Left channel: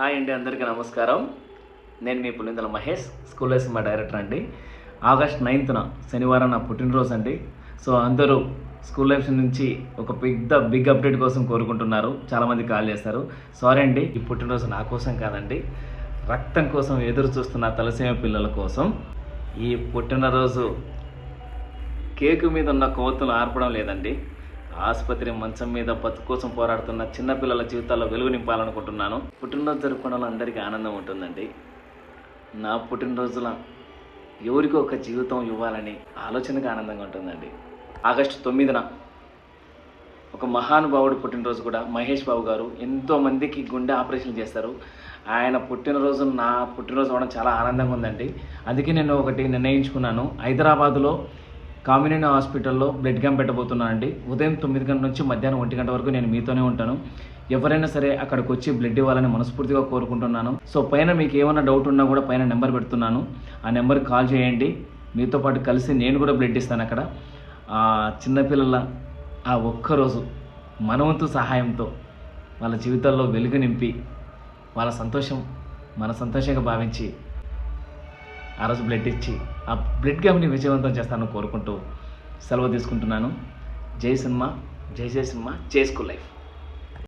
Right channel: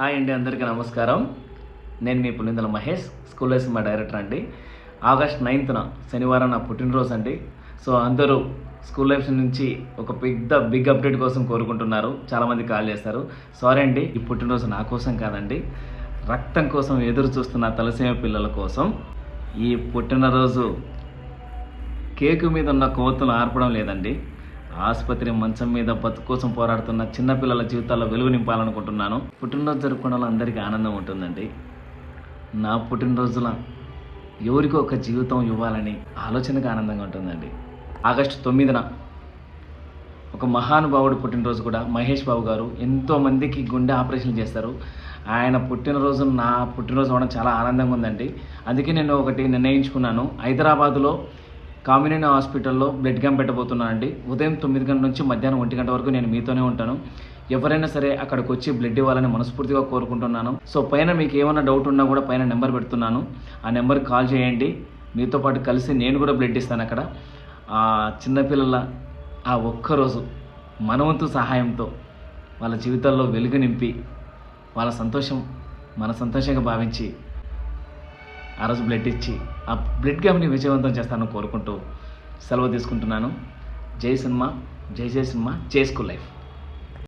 Hi అండి, అందరికీ నమస్కారం. నేను మీ పులిందల మహేష్, స్కూల్ లైఫ్ మా డైరెక్టర్ అండి. ఆగస్ట్ 9th శనివారం నా పుట్టినరోజు అండి. సో అందరూ స్కూల్ లైఫ్ నుంచి ఒక బిగ్ అప్డేట్ కోసం కోరుకుంటున్నారు. చాలామంది కాల్ చేస్తారు. సారీ అండి, ఈ పుట్టినరోజు నా కోసం కాదండి, రక్తం కోసం ఎదురు చూస్తున్న తలసీమ పిల్లల కోసం. ఈ పుట్టినరోజు కేకు మీద ఉన్న కోతులు ఆర్పడం లేదండి, ఆసుపత్రి మంచం మీద బతుకు కోసం పోరాడుతున్న చిన్నపిల్లల జీవితాల్లో వెలుగు నింపాలనుకుంటున్నాను. పుట్టినరోజు జరుపుకున్న అందరికీ ఆనందం ఉంటుందండి. నా పుట్టినరోజుల ఎవరికో ఒక జీవితం ఇవ్వాలని ఆలోచనగా ఆనందంగా ఉంటుందండి. ఆగస్టు 9న ఒక మహానుభావుడు పుట్టినరోజు కూడా, మహేష్ బాబు గారు ఎంతోమందికి గుండె ఆపరేషన్ చేస్తారు. ఆయన పుట్టినరోజు నా పుట్టినరోజు అవడం చాలా ఆనందంగా ఉందండి. అందుకే నేను ఒకటి నిర్ణయించుకున్నాను. హైదరాబాద్లో కామినేని హాస్పిటల్లో బ్లడ్ క్యాంప్ పెట్టబోతున్నానండి. ఉదయం 9 గంటల నుంచి మధ్యాహ్నం 1 గంట వరకు నేను మీతోనే ఉంటాను. ఎవరైనా సరే అక్కడికి వచ్చి బ్లడ్ ఇవ్వాలని మనస్ఫూర్తిగా కోరుకుంటున్నాను. సో పైన మీకు ఏమైనా డౌట్ ఉన్నా కూడా పైన నెంబర్ పెడుతున్నాను, ఆ నెంబర్కి కాల్ చేయండి. మీతో పాటు కలిసి నేను కూడా బ్లడ్ ఇస్తాను అక్కడ. ఆ చిన్నపిల్లల ఆ ఒక్కరోజు మనవంతు సహాయంతో వాళ్ళ జీవితాల్లో వెలుగు నింపి వాళ్ళ సంతోషం మన సంతోషంగా భావించి ఆ రోజు బ్లడ్ ఇచ్చి ఆ బ్లడ్ క్యాంప్ని విజయవంతం చేస్తానని కోరుకుంటూ సెలవు తీసుకుంటున్నాను. జై సినిమా, జై సినిమా, జై స్కూల్ లైఫ్.